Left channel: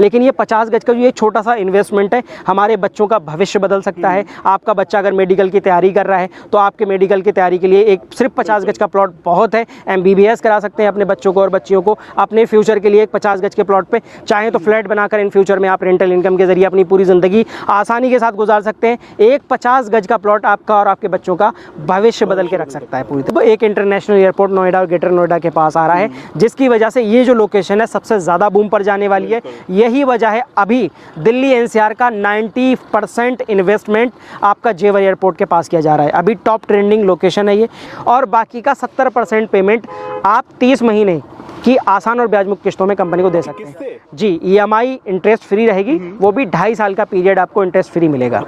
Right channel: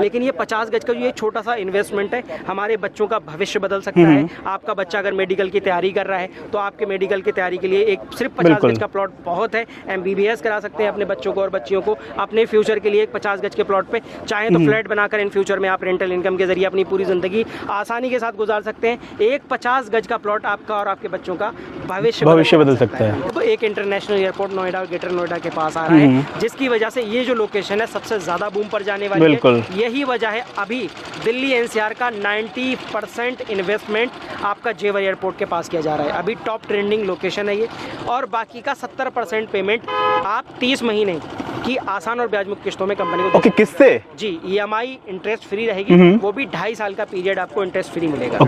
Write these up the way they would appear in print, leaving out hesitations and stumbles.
लेकिन ये 50 गज का जो एक छोटा सा इन्वेस्टमेंट है, हमारे बच्चों का भविष्य बदल सकता है। आपका बच्चा अगर मेडिकल की तैयारी कर रहा है तो आपके मेडिकल की तैयारी के लिए एक सिर्फ 50 गज का प्लॉट बहुत है। MBBS करा सकते हैं अपने बच्चों को और बच्चियों को अपने फ्यूचर के लिए। एक 50 गज के प्लॉट पे चाहे तो फ्लैट बनाकर इन फ्यूचर में आप रेंटल इनकम के जरिए अपनी पूरी जिंदगी आसानी के साथ गुजार सकते हैं। एक 50 गज का प्लॉट आपका और आपके बच्चों का भविष्य बदल सकता है। तो एक इंटरनेशनल एयरपोर्ट नोएडा और ग्रेटर नोएडा के पास आ रहा है, जिसकी वजह से ये जो लोकेशन है सबसे ज्यादा बूम पर जाने वाली है। यही वजह है अभी दिल्ली NCR का 90% इन्वेस्टमेंट आपका जेवर एयरपोर्ट के पास किया जा रहा है। अभी टॉप ट्रेंडिंग लोकेशन है ये, और बाकी का 70% पेमेंट आप 30 महीने की आसान और ब्याज मुक्त किस्तों में कंपनी को दे सकते हैं। किस्तें? जी, EMI इंटरेस्ट फ्री रहेगी, वो भी 2.5 साल का पीरियड आपको इंटरेस्ट फ्री मिलेगा।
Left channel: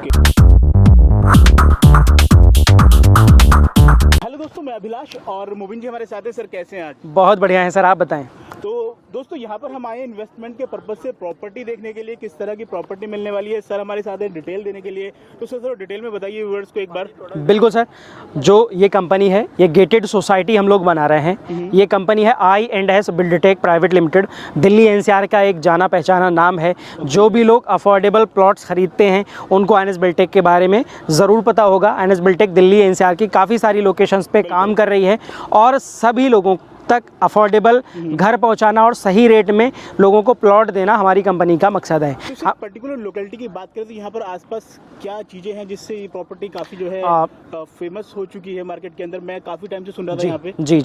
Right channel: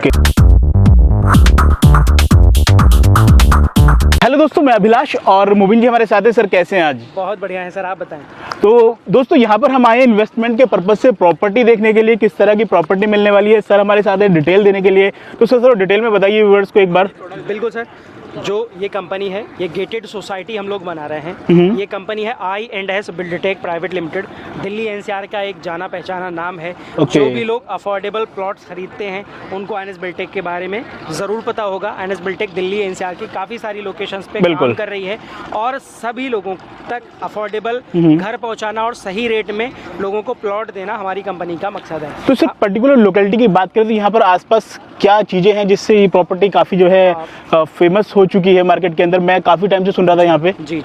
हेलो दोस्तों, मैं अभिलाष और मुबिन जी हमारे साथ हैं। सर कैसे हैं आज? बहुत बढ़िया है सर, आप बताएं। तो दोस्तों यहाँ पर हम आए इन्वेस्टमेंट के पर्पज से प्रॉपर्टी देखने के लिए, किस तरह की प्रॉपर्टी मिलने वाली है। सर हमारे साथ है डिटेल देने के लिए। तो सर डिटेल में बताइए व्यूअर्स को एक बार। बिल्कुल सर, जो ये कंपनी है ये गेटेड सोसाइटी हम लोग बना रहे हैं। ये कंपनी है I&S Buildtech private limited. Delhi NCR का एक जाना पहचाना नाम है। जो भी लोग अफोर्डेबल प्लॉट्स खरीदते हैं उनको I&S बिल्डटेक के बारे में ज़रूर पता होगा। I&S बिल्डटेक दिल्ली NCR की काफ़ी सारी लोकेशंस पे काम कर रही है और सभी लोगों तक अफोर्डेबल घर पहुंचाना और सही रेट में लोगों को प्लॉट देना हमारी कंपनी का मकसद है। तो सिर्फ पर्टिकुलर लोकेलिटी की बात करें तो यहाँ पर आसपास क्या चीजें हैं जिससे ये प्रॉपर्टी काफी जो है फेमस हो चुकी है मार्केट के अंदर? मैं काफी टाइम से सुन रहा था यहाँ पे। जी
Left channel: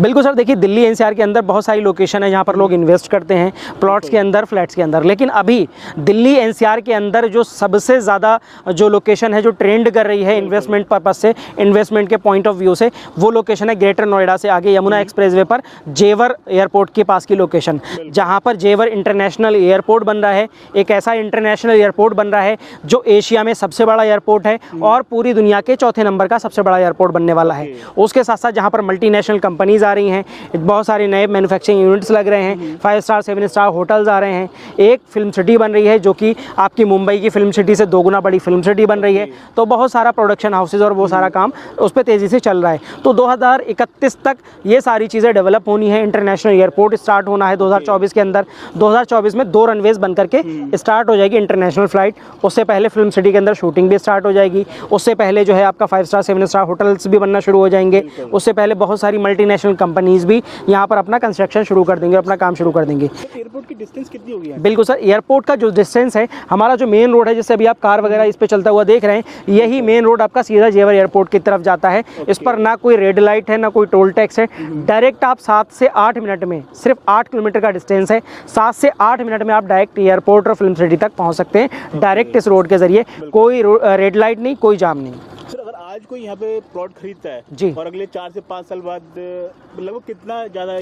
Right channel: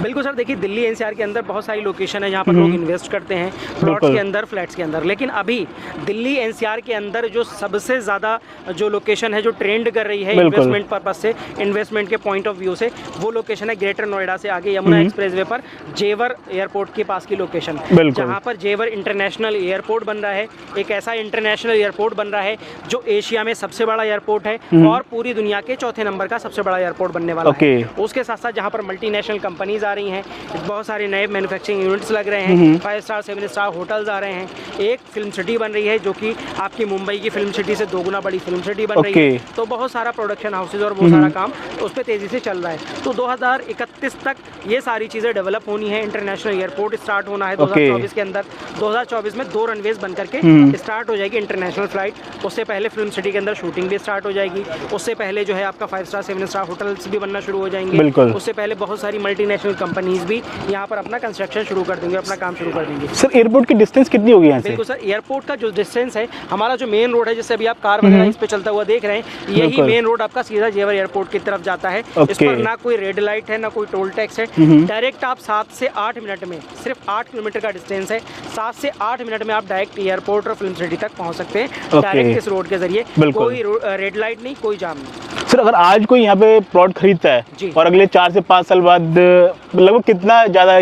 बिल्कुल सर, देखिए दिल्ली NCR के अंदर बहुत सारी लोकेशन है जहाँ पर लोग इन्वेस्ट करते हैं प्लॉट्स के अंदर, फ्लैट्स के अंदर। लेकिन अभी दिल्ली NCR के अंदर जो सबसे ज़्यादा जो लोकेशन है जो ट्रेंड कर रही है इन्वेस्टमेंट पर्पज से, इन्वेस्टमेंट के पॉइंट ऑफ व्यू से, वो लोकेशन है ग्रेटर नोएडा से आगे यमुना एक्सप्रेसवे पर जेवर एयरपोर्ट के पास की लोकेशन, जहाँ पर जेवर इंटरनेशनल एयरपोर्ट बन रहा है। एक ऐसा इंटरनेशनल एयरपोर्ट बन रहा है जो एशिया में सबसे बड़ा एयरपोर्ट है और पूरी दुनिया के चौथे नंबर का सबसे बड़ा एयरपोर्ट बनने वाला है। उसके साथ साथ जहाँ पर मल्टीनेशनल कंपनीज आ रही हैं, बहुत सारे नए मैन्युफैक्चरिंग यूनिट्स लग रहे हैं, 5 स्टार 7 स्टार होटल्स आ रहे हैं, एक फिल्म सिटी बन रही है जो कि आपकी मुंबई की फिल्म सिटी से 2 गुना बड़ी फिल्म सिटी बन रही है। तो बहुत सारा प्रोडक्शन हाउसेज और वो सारा काम उस पर तेजी से चल रहा है। तो 2031 तक ये सारी चीज़ें डेवलप होनी है। इंटरनेशनल एयरपोर्ट स्टार्ट होना है 2024 के अंदर। 2024 में 2 रनवेज बन करके स्टार्ट हो जाएगी इंटरनेशनल फ्लाइट। उससे पहले फिल्म सिटी के अंदर शूटिंग भी स्टार्ट हो जाएगी। उससे पहले जो है आपका 5 स्टार 7 स्टार होटल्स भी बनना शुरू हो जाएंगे। उससे पहले बहुत सारी मल्टीनेशनल कंपनीज भी यहाँ पर अपना कंस्ट्रक्शन शुरू कर देंगे, अपना काम शुरू कर देंगे। सर एयरपोर्ट की डिस्टेंस कितनी होगी? बिल्कुल सर, एयरपोर्ट का जो डिस्टेंस है, हमारा जो मेन रोड है जिससे अभी आप कार वगैरह इस पे चलता हुआ देख रहे हैं, यही मेन रोड आपका सीधा जेवर एयरपोर्ट की तरफ जाता है। इस पर ना कोई रेड लाइट है ना कोई टोल टैक्स है। डायरेक्ट आप 7 से 8 मिनट में, सिर्फ 8 किलोमीटर का डिस्टेंस है, 7 से 8 मिनट में आप डायरेक्ट एयरपोर्ट और फिल्म सिटी तक पहुंच सकते हैं डायरेक्ट इस रोड के जरिए। कोई रेड लाइट नहीं, कोई जाम नहीं। सर अगर आज कोई यहाँ पे प्लॉट खरीदता है और अगले 4 से 5 साल बाद लगभग कितना ज्यादा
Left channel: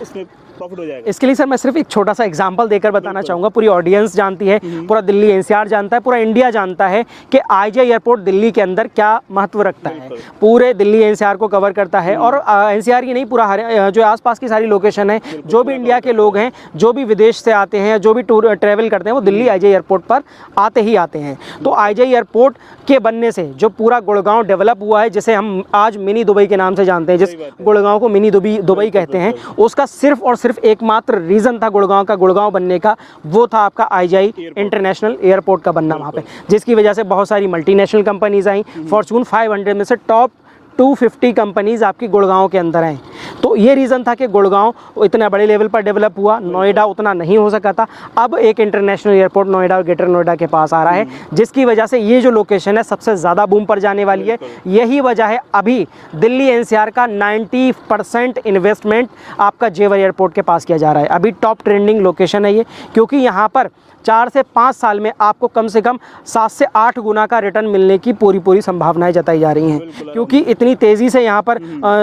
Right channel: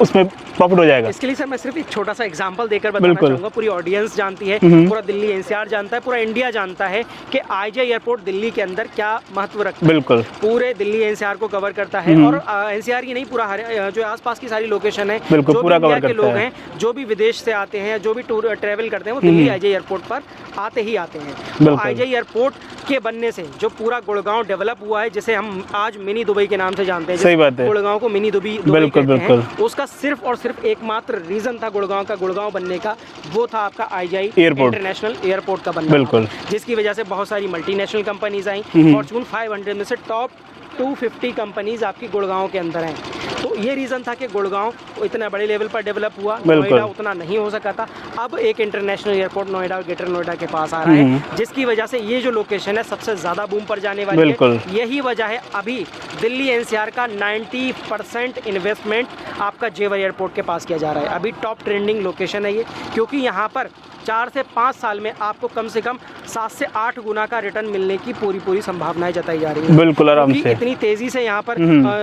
उसमें प्रॉफिट हो जाएगा? इसके लिए सर मैं सिर्फ एक छोटा सा एग्जांपल देकर बताना चाहूंगा। पूरी ऑडियंस जानती है, पूरा दिल्ली NCR जानता है, पूरा इंडिया जानता है कि IJ एयरपोर्ट दिल्ली के अंदर क्या महत्व रखता है। पूरे दिल्ली NCR को कवर करता है और NCR की नहीं, पूरा जो आसपास की सारी लोकेशन है, जो भी इंडिया के लोग हैं, जो भी विदेश से आते हैं, जो भी टूर ट्रेवल करते हैं, वो दिल्ली IJ एयरपोर्ट पर आते ही आते हैं। तो IJ एयरपोर्ट के बनने से जो पूरा गुड़गांव डेवलप हुआ है, जिसे हम आज मिनी दुबई के नाम से जानते हैं, गुड़गांव को मिनी दुबई कहते हैं, उसका सिर्फ और सिर्फ एकमात्र रीजन था गुड़गांव का गुड़गांव बनने का, वो था आपका IJ इंटरनेशनल एयरपोर्ट का बनना, जिसकी वजह से बहुत सारी मल्टीनेशनल कंपनीज आई। फॉर्च्यून 500 में से टॉप 250 कंपनीज आपकी गुड़गांव के अंदर हैं। तो ये रीज़न था कि गुड़गांव इतना बड़े लेवल पर डेवलप हुआ, नोएडा उतना नहीं हो सका था। अब एक इंटरनेशनल एयरपोर्ट नोएडा और ग्रेटर नोएडा के पास आ रहा है, जिसकी वजह से ये जो लोकेशन है सबसे ज़्यादा बूम पर जाने वाली है। यही वजह है अभी दिल्ली NCR का 90% इन्वेस्टमेंट आपका जेवर एयरपोर्ट के पास किया जा रहा है। अभी टॉप ट्रेंडिंग लोकेशन है ये, क्योंकि यहाँ पर 4 से 5 साल में आपको कम से कम 7 से 8 गुना का रिटर्न मिलने की पूरी संभावनाएं जताई जा रही हैं। क्योंकि इतनी तेजी से यहाँ पर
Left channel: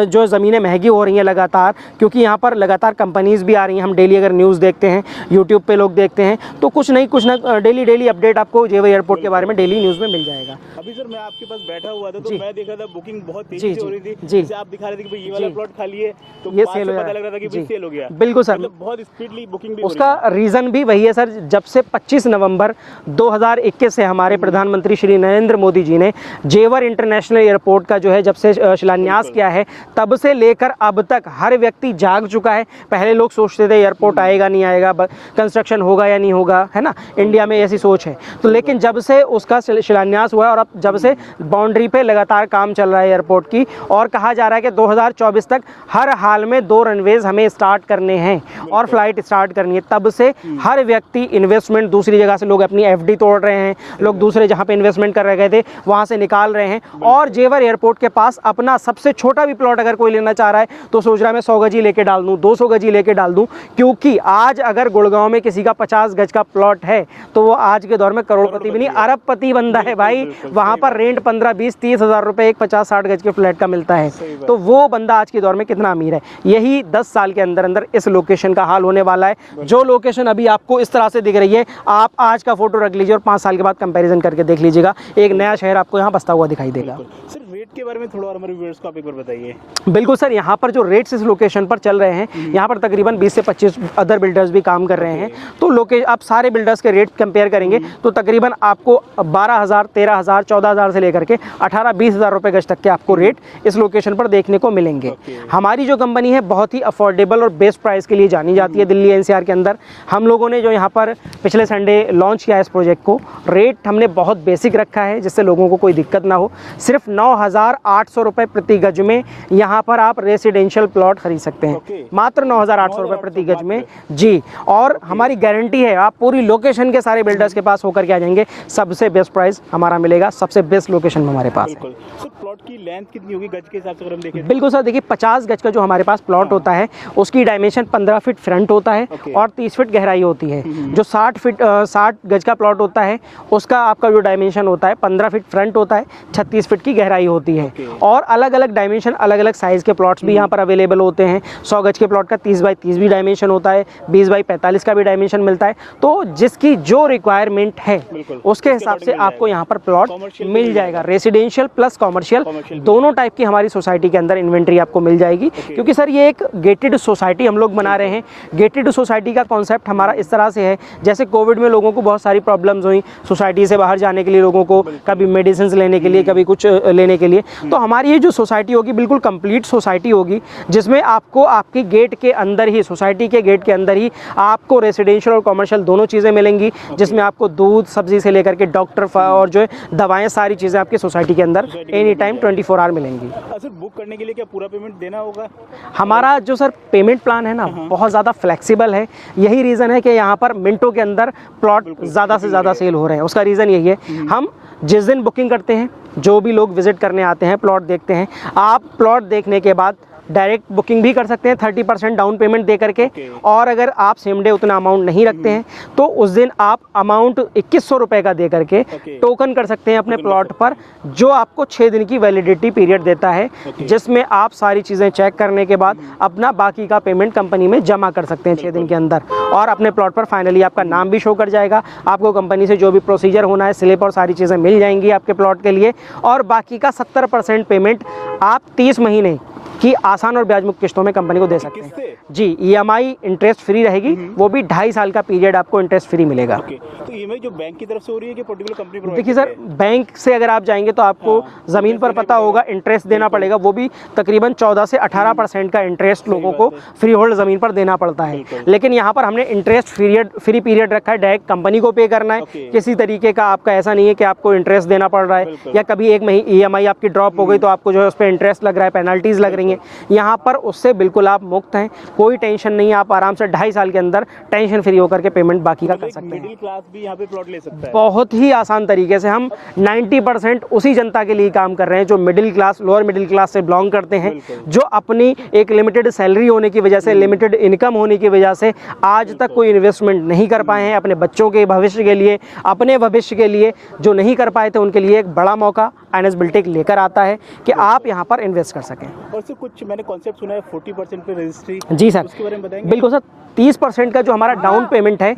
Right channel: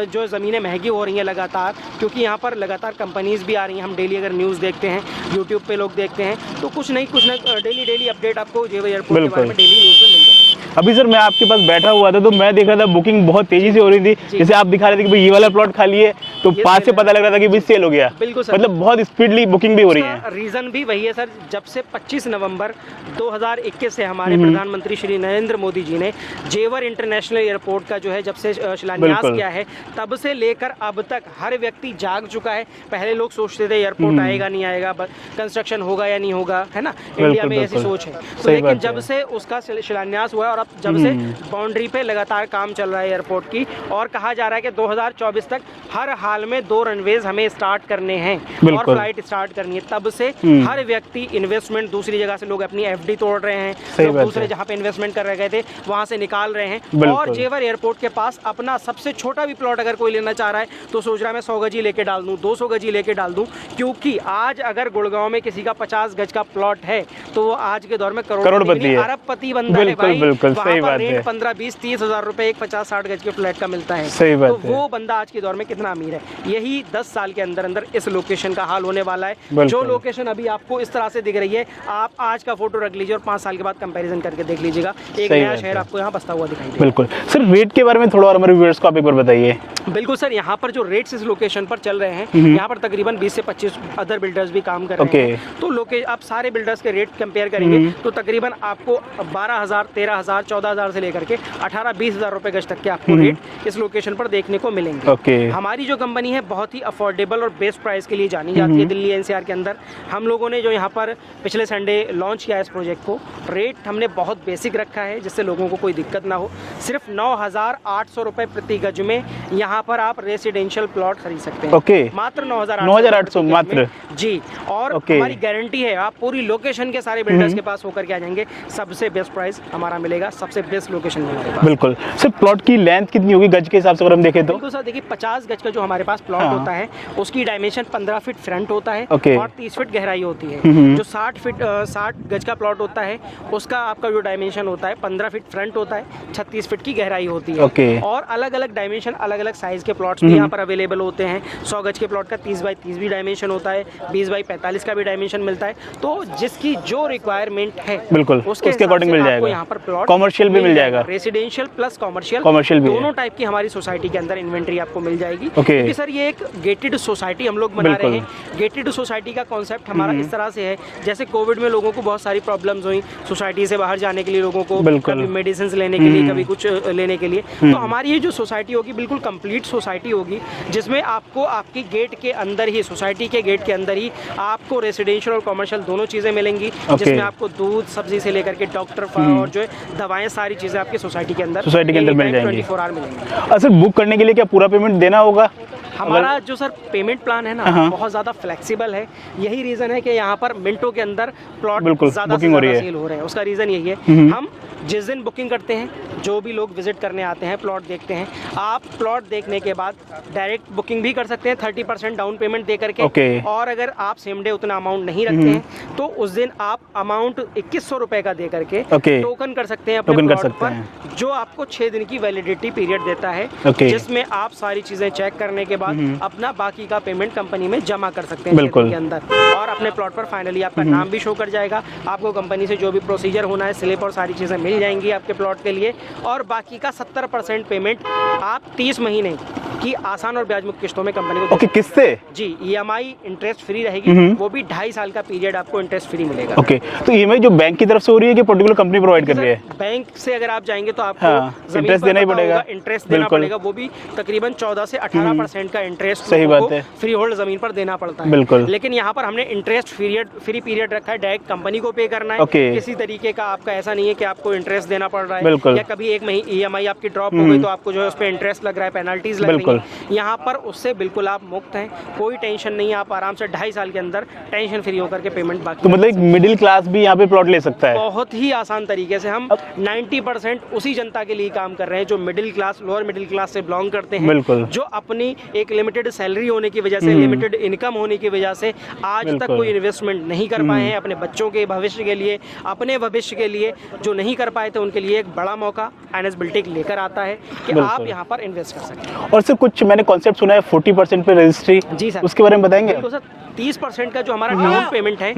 जो ज़मीनें महंगी हो रही हैं लगातार, क्योंकि यहाँ पर लगातार कंपनीज भी आ रही हैं। हम डेली अगर न्यूज़ देखते हैं, यूट्यूब पे लोग देखते हैं, तो कुछ ना डेली अपडेट आपको जेवर एयरपोर्ट के बारे में डेली न्यूज़ में मिल जाएगा। अभी सर मैं आपके पास बैठा हुआ था तो मैं देख रहा था बुकिंग बहुत तेजी से हो रही थी। जैसे आप दिखा रहे थे कि भाई ये वाला प्लॉट खाली है, तो ये 5 से sale पता हो लग रहा था कि भी सेल हो गया। बिल्कुल सर, मतलब बहुत स्पीडली बुकिंग भी हो रही है। उसका रीजन भी वही है सर, जब से 25 नवंबर 2021 से हमारे प्रधानमंत्री श्री नरेंद्र मोदी जी ने जेवर इंटरनेशनल एयरपोर्ट का जो है जब से शिलान्यास किया है, तब से लेकर अब तक हर व्यक्ति जाग चुका है। पहले लोग सोचते थे एयरपोर्ट आएगा नहीं आएगा, कंस्ट्रक्शन होगा या नहीं होगा, है ना, इंडिया में ऐसी सोच है। तो लेकिन जब से उसका शिलान्यास हुआ और अब जब से बाउंड्री पे लगातार काम चल रहा है एयरपोर्ट की, और कहा जा रहा है कि 2024 तक हर हाल में 2 रनवेज हमें स्टार्ट करने हैं और फ्लाइट स्टार्ट करनी है, तब से हर व्यक्ति इन्वेस्टमेंट दूसरी जगह से, लोग अपनी एफडी तोड़ रहे हैं, लोग दूसरे जहां पे इन्वेस्टमेंट कर रहे थे वहां से निकाल रहे हैं। और जेवर एयरपोर्ट के पास अपना सबसे छोटा भी प्लॉट अगर कोई लेना चाह रहा है तो सोच रहा है मैं 100 गज ही लेके डाल दूं, 200 गज ही लेके डाल दूं, क्योंकि आज अगर गुड़गांव में किसी का 50 गज का प्लॉट है तो वो आज के दौर में करोड़पति नहीं अरबपति बंदा है भाई। वहां पर रेंट 15, 20, 30 हजार रुपए एक 50-60 गज के फ्लैट का मिलता है। तो वो बंदा आज के दौर में कितना अमीर है। यही 10 साल के अंदर अंदर इस लोकेशन का हाल होने वाला है। जो लोकेशन अभी आपको इस तरह से दिख रही है, आप आज का फोटो रख लीजिए और 5 साल के बाद कंपैरिजन करके देख लीजिएगा, एक नया शहर आपको यहाँ बसता हुआ दिखाई देगा। बिल्कुल सर, रेट के बारे में थोड़ा और हमारे व्यूअर्स को आप एक बार बताइए। बिल्कुल सर, यहाँ पर जो रेट्स इस लोकेशन पर चल रहे हैं, यहाँ पर तकरीबन 20 से 25 अदर बिल्डर्स भी काम कर रहे हैं। तो आप सारे बिल्डर्स के रेट कंपेयर करेंगे तो तकरीबन आपको 12,000, 13,000, 14,000 से लेकर के 18-20 हजार रुपए गज तक के आपको रेट इस लोकेशन पर देखने को मिलेंगे। हमारी जो कंपनी है बहुत ही अफोर्डेबल और बेस्ट प्राइस के लिए जानी जाती है दिल्ली एनसीआर के अंदर। हम लोगों ने जो यहाँ पर पिछले संडे लॉन्च किया इस प्रोजेक्ट को, रेट हमने बहुत बेसिक रखा है जिससे लोगों को कोई दिक्कत ना हो। सिर्फ 9,800 रुपए प्रति गज में यहाँ पर आप रेसिडेंशियल प्लॉट खरीद सकते हैं। मात्र 9,800 प्रति गज में जी। और हमारी गारंटी है, आप पूरी लोकेशन के सारे बिल्डर्स के पास होकर के आ जाएंगे, सबसे बेस्ट प्राइस हमारा मिलेगा, सबसे बेस्ट लोकेशन में हमारे पास। बिल्कुल सर, प्लॉट की लेंथ कितनी होगी गज के हिसाब से अगर हम देखें तो? बिल्कुल सर, देखिए 50 गज का जो हमारे पास प्लॉट होता है उसकी डायमेंशन 15 फीट फ्रंट होता है और 30 फीट गहराई होती है। जो 60 गज का प्लॉट होता है उसका आपका जो डायमेंशन होता है 15 फीट फ्रंट होता है, 36 फीट की गहराई होती है। और अलग अलग डायमेंशन, अलग अलग साइज के प्लॉट्स भी यहाँ पर अवेलेबल होते हैं। 100 गज के प्लॉट का 30 बाई 30 भी डायमेंशन होता है, 20 बाई 45 का भी डायमेंशन मिलता है। तो जिसकी जो रिक्वायरमेंट है बिल्कुल उसके हिसाब से आपको यहाँ पर प्लॉट कॉमर्शियल भी मिल जाएगा, रेसिडेंशियल प्लस कॉमर्शियल दोनों टाइप की हमारी सोसाइटी के अंदर इन्वेंट्री आपको मिल जाएगी। क्योंकि सर ये एक गेटेड सोसाइटी हम लोग बना रहे हैं। गेटेड सोसाइटी का कॉन्सेप्ट हमारा इस तरह से है, जैसे कोविड में लोगों को बहुत सारी प्रॉब्लम्स हुई सोसाइटी से बाहर जाने के लिए, लोगों को कभी मेडिसिन लेने के लिए, कभी कुछ लेने के लिए, तो हमारी ये जो सोसाइटी होगी बिल्कुल कंप्लीट सोसाइटी होगी जिसमें आपको आपकी गेट के अंदर ही, सोसाइटी के गेट के अंदर ही आपको रेसिडेंशियल और कॉमर्शियल दोनों चीजें मिलेंगी, जिसमें आपको दूध, सब्जी से लेकर के डॉक्टर और जो दवाएं, सारी चीजें आपकी सोसाइटी के अंदर 24 आवर मिलेंगी। सर बुक करने के लिए क्या पूरा पेमेंट देना होगा? हमारा जो सर पेमेंट प्लान है ना बहुत ज़्यादा फ्लेक्सिबल है। यही रीज़न है कि यहाँ पर मिनटों के अंदर प्लॉट ज़्यादा से ज़्यादा सेल हो रहे हैं। उसका रीज़न यही है, हम जिस दिन बुकिंग करते हैं, जो भी लोग विजिट करने आते हैं, प्लॉट देखते हैं, आप प्लॉट देखने के बाद डायरेक्ट बुकिंग भी कर सकते हैं 30% डाउन पेमेंट दे करके। और अगर आप सेम डे उतना अमाउंट नहीं रखते हैं तो उस दिन आप अमाउंट 2100 रुपए का दे करके टोकन कर सकते हैं अपने प्लॉट पर, जो आपको 6 दिन की वैलिडिटी पीरियड देता है, जिसमें आप सारी चीजें चेक करने के बाद अपना बाकी का पेमेंट कंपनी में जमा कर सकते हैं 6 दिन के अंदर, और अपने प्लॉट पर फाइनली आपका नाम भी शो कर जाएगा। आपको कंपनी से जो भी प्रोसीजर होना है, स्लिप और सारी चीजें मिल जाएंगी आपके प्लॉट के लिए, और बाकी का 70% पेमेंट आप 30 महीने की आसान और ब्याज मुक्त किस्तों में कंपनी को दे किससे? जी, ईएमआई इंटरेस्ट फ्री रहेगी, वो भी 2.5 साल का पीरियड आपको इंटरेस्ट फ्री मिलेगा। तो ईएमआई जो बैंक की तरफ से हो रही है कि पर्टिकुलर कंपनी प्रोवाइड कर रही है? बैंक से अगर आप जाएंगे तो आपको जमीन पर पता होगा इंटरेस्ट देना पड़ेगा, वो भी तकरीबन 14 से 18% का इंटरेस्ट लोगों को फ्री होल्ड जमीन पर देना पड़ता है। लेकिन यहाँ पर हमने इंटरेस्ट फ्री पीरियड रखा है, डायरेक्ट कंपनी को पे करना है। किसी तरीके का आपका ऐसा नहीं है कि आपको इंटरेस्ट देना पड़ रहा है, या कभी एक महीने ईएमआई आपकी ड्रॉप हो गई तो आपको जो है उस पर इंटरेस्ट लग रहा है, पेनल्टीज लग रही है। यहाँ पर उससे बिल्कुल आप मुक्त हैं, कोई टेंशन नहीं है। आप आराम से 2.5 साल के अंदर टेंशन फ्री होकर के पेमेंट बाकी तो मतलब एक मिडिल क्लास भी यहाँ पे प्लॉट ले सकता है बहुत ही आसान तरीके से। हम 90% उसी जनता के लिए काम कर रहे हैं जो middle class, lower middle class से बिलोंग करते हैं, जो अपनी एक लिमिटेड सैलरी होने की वजह से, लिमिटेड इनकम होने की वजह से आज तक कोई इन्वेस्टमेंट नहीं कर पाए हैं अपने बच्चों के भविष्य के लिए, अपने भविष्य के लिए। जो नहीं कर पाए थे उनके लिए एक बड़ा मौका एनएस बिल्टेक लेकर आता है कि आप यहाँ पर इन्वेस्ट कर सकें। और सर कुछ मैंने कॉन्सेप्ट सुना है 40% पे रजिस्ट्री, जी सर, उसके बारे में बताएंगे? बिल्कुल सर, 30% का जो हमारा डाउन पेमेंट है,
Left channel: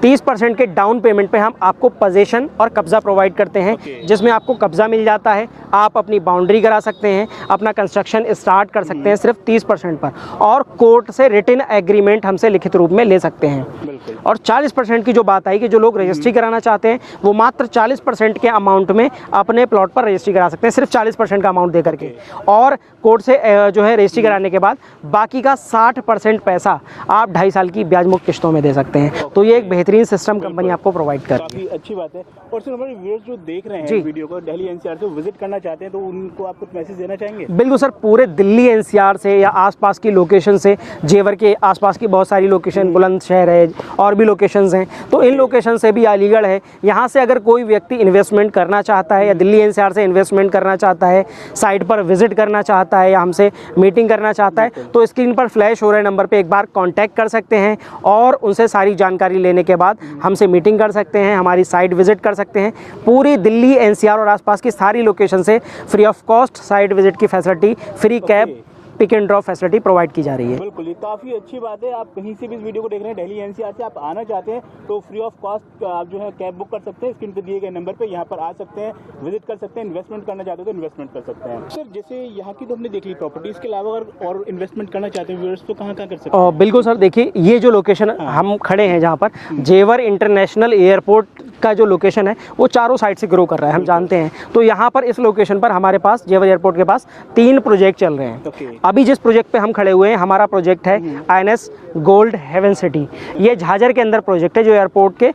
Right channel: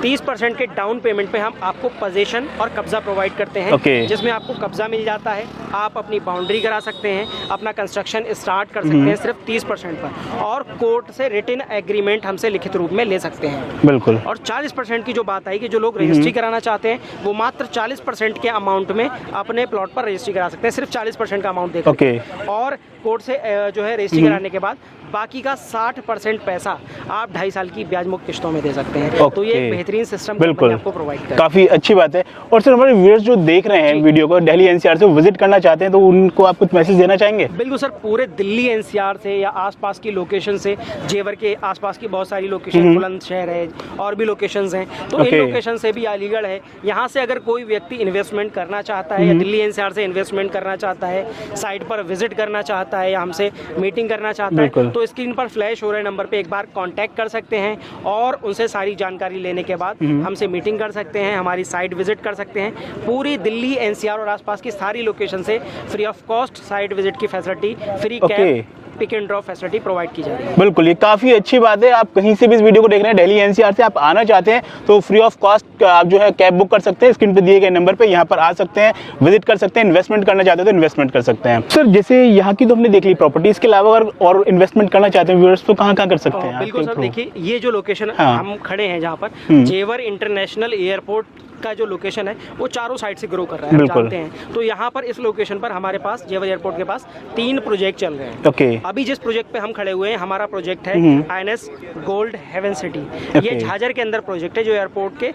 30% के डाउन पेमेंट पे हम आपको पोजीशन और कब्जा प्रोवाइड करते हैं, जिसमें आपको कब्जा मिल जाता है, आप अपनी बाउंड्री करा सकते हैं, अपना कंस्ट्रक्शन स्टार्ट कर सकते हैं सिर्फ 30% पर, और कोर्ट से रिटन एग्रीमेंट हमसे लिखित रूप में ले सकते हैं। बिल्कुल। और 40% की जो बात आई कि जो लोग रजिस्ट्री कराना चाहते हैं वो मात्र 40% के अमाउंट में अपने प्लॉट पर रजिस्ट्री करा सकते हैं, सिर्फ 40% का अमाउंट देकर के। और कोर्ट से जो है रजिस्ट्री कराने के बाद बाकी का 60% पैसा आप 2.5 साल की ब्याज मुक्त किस्तों में दे सकते हैं। तो ये एक बेहतरीन सिस्टम कंपनी आपको प्रोवाइड कर, काफी अच्छी बात है। और सर हमारे व्यूअर्स जो देख रहे हैं वीडियो को, दिल्ली एनसीआर से विजिट करना चाहते हैं, तो उनको आप कुछ मैसेज देना चाहेंगे? बिल्कुल सर, पूरे दिल्ली एनसीआर से या आसपास की लोकेशन से, जेवर के आसपास की बहुत सारी लोकेशन, बुलंदशहर है और भी लोकेशंस हैं, तो इन लोकेशन से भी, अलीगढ़ है, यहाँ से अगर कोई व्यक्ति इन्वेस्टमेंट करना चाहता है या दिल्ली एनसीआर से इन्वेस्टमेंट करना चाहता है, साइट पर विजिट करना चाहता है या हमसे मीटिंग करना चाहता है, तो स्क्रीन पर फ्लैश हो रहे नंबर पे एक बार कांटेक्ट कर सकते हैं और उनसे सारी जानकारी लेने के बाद हमसे मीटिंग कर सकते हैं, हमारी साइट विजिट कर सकते हैं। पूरी दिल्ली एनसीआर और आसपास की सारी लोकेशन से free of cost site visit की facility, free cab, pick and drop facility provide की जा रही है। बिल्कुल, ये काफी अच्छी बात है। आप कहीं से भी इस वीडियो को देख रहे हैं, दिल्ली एनसीआर से आप आना चाहते हैं तो फ्री ऑफ कॉस्ट आप जो है कैब बुक कर सकते हैं, स्क्रीन पे दिए गए नंबर पे यहाँ पर आ सकते हैं, विजिट कर सकते हैं, इन्वेस्टमेंट करना चाहते हैं तो इन्वेस्टमेंट कर सकते हैं। सर जैसे यहाँ की तो हमने देख ली प्रॉपर्टी, इसके अलावा अगर और इन्वेस्टमेंट करना चाहते हैं व्यूअर्स तो कहाँ कर सकते हैं? बिल्कुल सर, देखिए ये जो लोकेशन हम खड़े हैं जहाँ पर जेवर इंटरनेशनल एयरपोर्ट का जो लोकेशन है वो चारों साइड से ग्रो कर रहा है, हम जानते हैं। तो यहाँ पर इस लोकेशन पर हमारे पास जेवर एयरपोर्ट के पास 3 प्रोजेक्ट चल रहे हैं। अभी जिस प्रोजेक्ट पे हम खड़े हुए हैं, हमारा प्रोजेक्ट है INS गोल्ड हेवन सिटी। ये झाझर के अंदर प्रोजेक्ट है, जो एयरपोर्ट के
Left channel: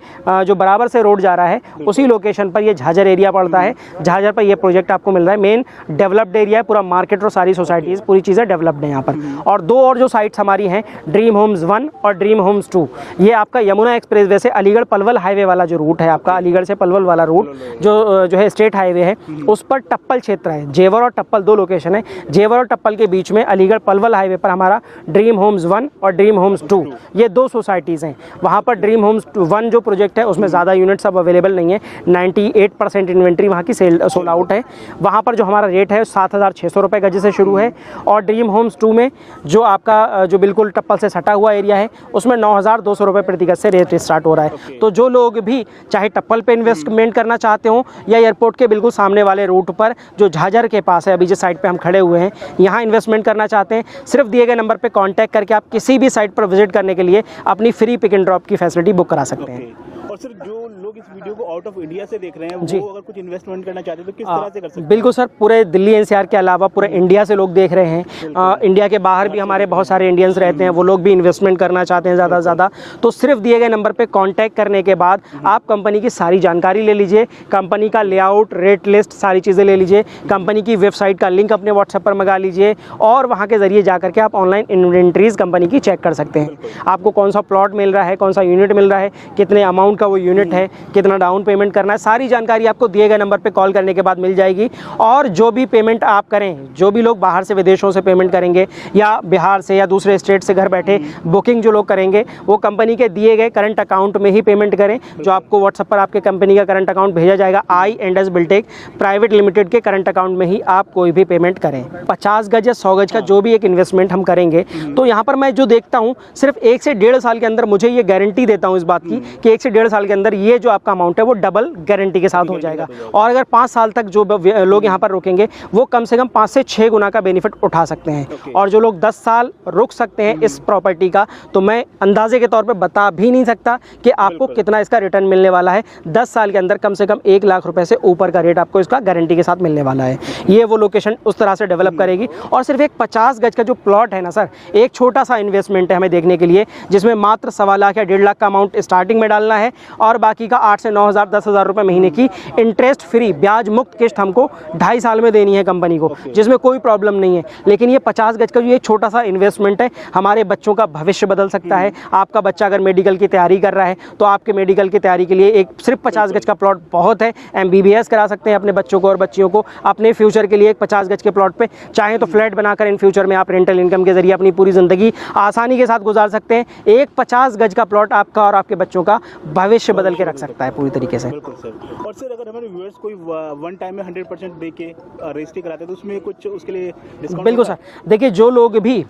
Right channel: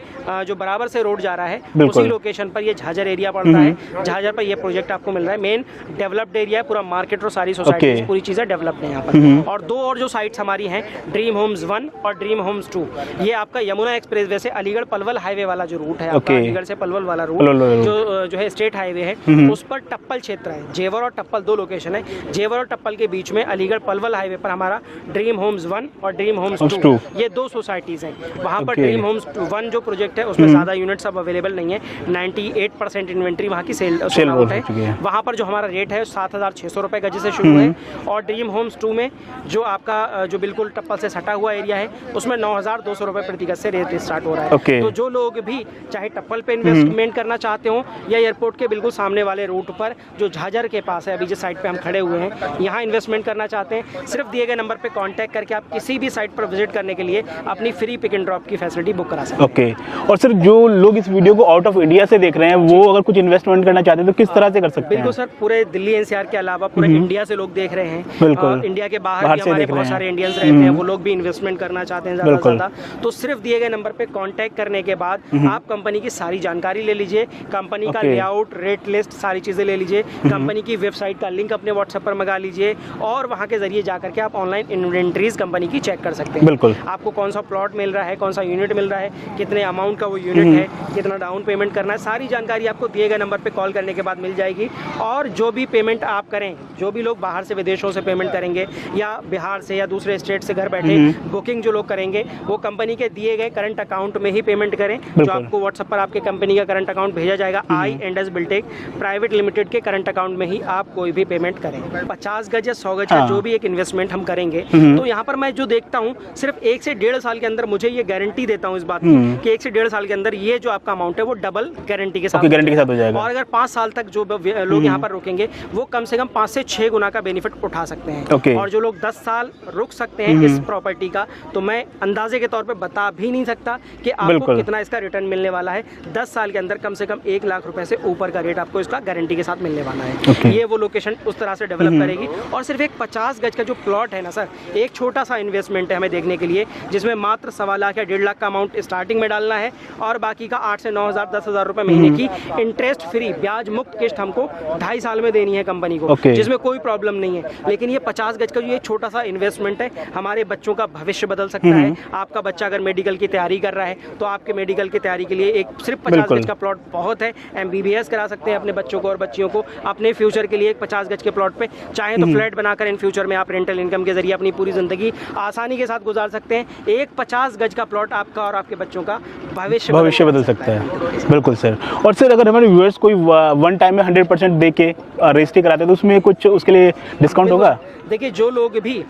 जो बराबर से रोड जा रहा है उसी लोकेशन पर ये झाझर एरिया पड़ता है। झाझर पर ये प्रोजेक्ट आपको मिल रहा है। मेन डेवलप्ड एरिया है, पूरा मार्केट और सारी सोसाइटी पूरी चीजें डेवलप्ड है यहाँ पर। और 2 और जो साइट्स हमारी हैं, ड्रीम होम्स 1 और ड्रीम होम्स 2, ये आपका यमुना एक्सप्रेसवे से अलीगढ़ पलवल हाईवे वाला जो रूट है आपका, अलीगढ़ से पलवल वाला रूट जो है स्टेट हाईवे है, उस पर टप्पल क्षेत्र है। जेवर और टप्पल 2 लोकेशन है। जेवर और टप्पल के बीच में अलीगढ़ पलवल हाईवे पर हमारा ड्रीम होम्स 1 और ड्रीम होम्स 2, ये 2 सोसाइटीज हैं। वहाँ पर ड्रीम होम्स 1 जो प्रोजेक्ट है उसमें ज़्यादा यूनिट्स अब अवेलेबल नहीं है, 98% इन्वेंट्री वहाँ की सेल आउट है। वहाँ पर जो हमारा रेट है 7,600 रुपये गज से शुरू है। और ड्रीम होम्स 2 में जो आपका जो बिल्कुल टप्पल से सटा हुआ एरिया है उसमें 9,200 रुपये प्रति गज से रेट स्टार्ट हो रहा है। तो जो लोग भी चाहे टप्पल पे इन्वेस्टमेंट करना चाहते हो या एयरपोर्ट के बिल्कुल सामने वाले रूट पर जो झाझर के पास है, अभी जिस साइट पे हम खड़े हुए हैं, यहाँ इन्वेस्टमेंट करना चाहते हैं, सिर्फ दिए गए नंबर पे कांटेक्ट करके आप किसी भी साइट पर विजिट करने के लिए अपनी फ्री पिक एंड ड्रॉप की फैसिलिटी बुक करा सकते हैं। और सर जो लोग इस वीडियो को आउट ऑफ इंडिया से देख रहे हैं, वो अगर कुछ इन्वेस्टमेंट करना चाहते हैं तो किस तरह से कर सकते हैं? बिल्कुल सर, पूरे दिल्ली एनसीआर के अलावा पूरे इंडिया से लोग देख रहे हैं। इंडिया के बाहर भी हमारे बहुत सारे इंडियंस रहते हैं, वो लोग भी इन्वेस्टमेंट करना चाहते हैं ज़्यादा से ज़्यादा। तो सिर्फ दिए गए नंबर पे कांटेक्ट करने के बाद आप कंपनी की सारी जानकारी ले लीजिए, कंपनी का लेआउट, रेट लिस्ट, सारी चीज़ें ले लीजिए, कंपनी की वेबसाइट का लिंक अपने व्हाट्सएप पर मंगा लीजिए और वहाँ के जरिए जाकर के आप ऑनलाइन इन्वेंट्रीज कंपनी की चेक कर सकते हैं। आपको कौन सा प्लॉट मिल रहा है, कौन सा यूनिट मिल रहा है, कितने अमाउंट का वो यूनिट है, कितना डाउन पेमेंट करना है, सारी जानकारी आपको दिए गए नंबर पे कॉल करने के बाद मिल जाएगी। और जो भी पेमेंट आप करें, जो भी लोग बाहर से विदेशों से पेमेंट करेंगे या बिहार से या दूसरे स्टेट से घर बैठे बुकिंग जो लोग करेंगे, वो कंपनी के दिए गए करंट अकाउंट में ही पेमेंट करें, जो आपको व्हाट्सएप पर आपके कंपनी का करंट अकाउंट भेजा जाएगा। I&S बिल्टेक प्राइवेट लिमिटेड के करंट अकाउंट में ही आप कोई भी पेमेंट करें। 50 गज या 100 गज का जो भी एक इन्वेस्टमेंट हम करेंगे, तो यहाँ पर मैं जो देखता हूँ, सिर्फ 1 से 1.5 साल के अंदर मुझे ये गारंटी देता हूँ इस बात की कि 1 से 1.5 साल के अंदर ये जो आपका अमाउंट है वो डबल गारंटी के साथ हो जाएगा। और अगर 5 साल तक जो लोग यहाँ पर रुकेंगे वो कम से कम 5 से 6 गुना का बेनिफिट उठा सकते हैं। और जो लोग 10 साल रुक सकते हैं इस प्रॉपर्टी का, तो मैं अंदाजे के तौर पर बता भी नहीं सकता कि आपको कितना इसका रिटर्न मिलने वाला है। 10 साल के अंदर कम से कम 1 लाख रुपए से ऊपर का रेट आपको इसका गारंटी के साथ मिलने वाला है। ये वो लोकेशन उस तरह से डेवलप करेगी। और सिर्फ एक 50 गज का जो प्लॉट है ना सर, एक छोटा सा इन्वेस्टमेंट है हमें देखने के लिए, जिसमें मात्र 1.25 लाख या 1.5 लाख का अमाउंट स्टार्टिंग में डालना है और बाकी का 8 से 9 हज़ार 10,000 रुपए महीने की इंटरेस्ट फ्री ब्याज मुक्त किस्त हमको 2.5 साल में देनी है कंपनी को, जिसमें कोई प्रॉब्लम नहीं है। लेकिन ये 50 गज का जो एक छोटा सा इन्वेस्टमेंट है, हमारे बच्चों का भविष्य बदल सकता है। आपका बच्चा अगर मेडिकल की तैयारी कर रहा है तो आपके मेडिकल की तैयारी के लिए एक सिर्फ 50 गज का प्लॉट बहुत है। MBBS करा सकते हैं अपने बच्चों को और बच्चियों को। अपने फ्यूचर के लिए एक 50 गज के प्लॉट पे चाहे तो फ्लैट बनाकर इन फ्यूचर में आप रेंटल इनकम के जरिए अपनी पूरी जिंदगी आसानी के साथ गुजार सकते हैं। एक 50 गज का प्लॉट आपका और आपके बच्चों का भविष्य बदल सकता है पूरी तरीके से। बिल्कुल सर। और सर अगर हमारे व्यूअर्स कोई वन टाइम में 100% दे के रजिस्ट्री कराते हैं तो उसमें कुछ उसके लिए डिस्काउंट होगा? देखिए, जो लोग भी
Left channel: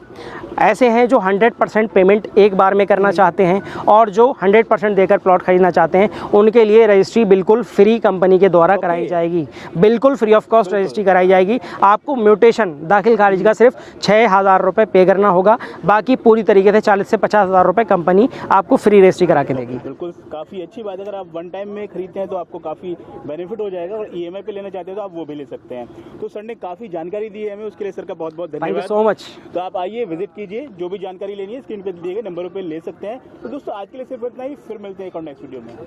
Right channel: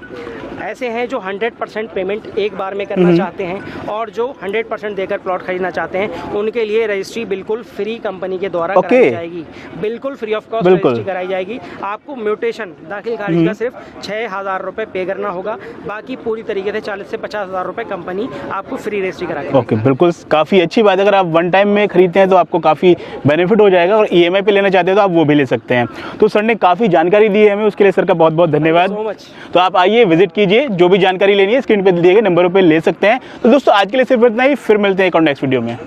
ऐसे हैं जो 100% पेमेंट एक बार में करना चाहते हैं, और जो 100% देकर प्लॉट खरीदना चाहते हैं उनके लिए रजिस्ट्री बिल्कुल फ्री कंपनी के द्वारा कराई जाएगी, बिल्कुल फ्री ऑफ कॉस्ट रजिस्ट्री कराई जाएगी। आपको म्यूटेशन दाखिल खारिज का सिर्फ 6,000 रुपये पे करना होगा, बाकी पूरी तरीके से 40 से 50,000 रुपये कंपनी आपको फ्री रजिस्ट्री करा के देगी। बिल्कुल, काफ़ी अच्छी बात है। अगर आप वन टाइम में खरीदते हैं तो आपको काफ़ी बेनिफिट हो जाएगा, और EMI पे लेना चाहते हैं तो आप वो भी ले सकते हैं। तो सर ने काफ़ी जानकारी दी है हमें, उसके लिए सर का बहुत बहुत धन्यवाद। So much. तो आप आइए, विजिट कीजिए, जो भी जानकारी लेनी है स्क्रीन पे दिए गए नंबरों पे ले सकते हैं। तो दोस्तों आज के लिए सिर्फ इतना ही, फिर मिलते हैं एक और नेक्स्ट वीडियो में।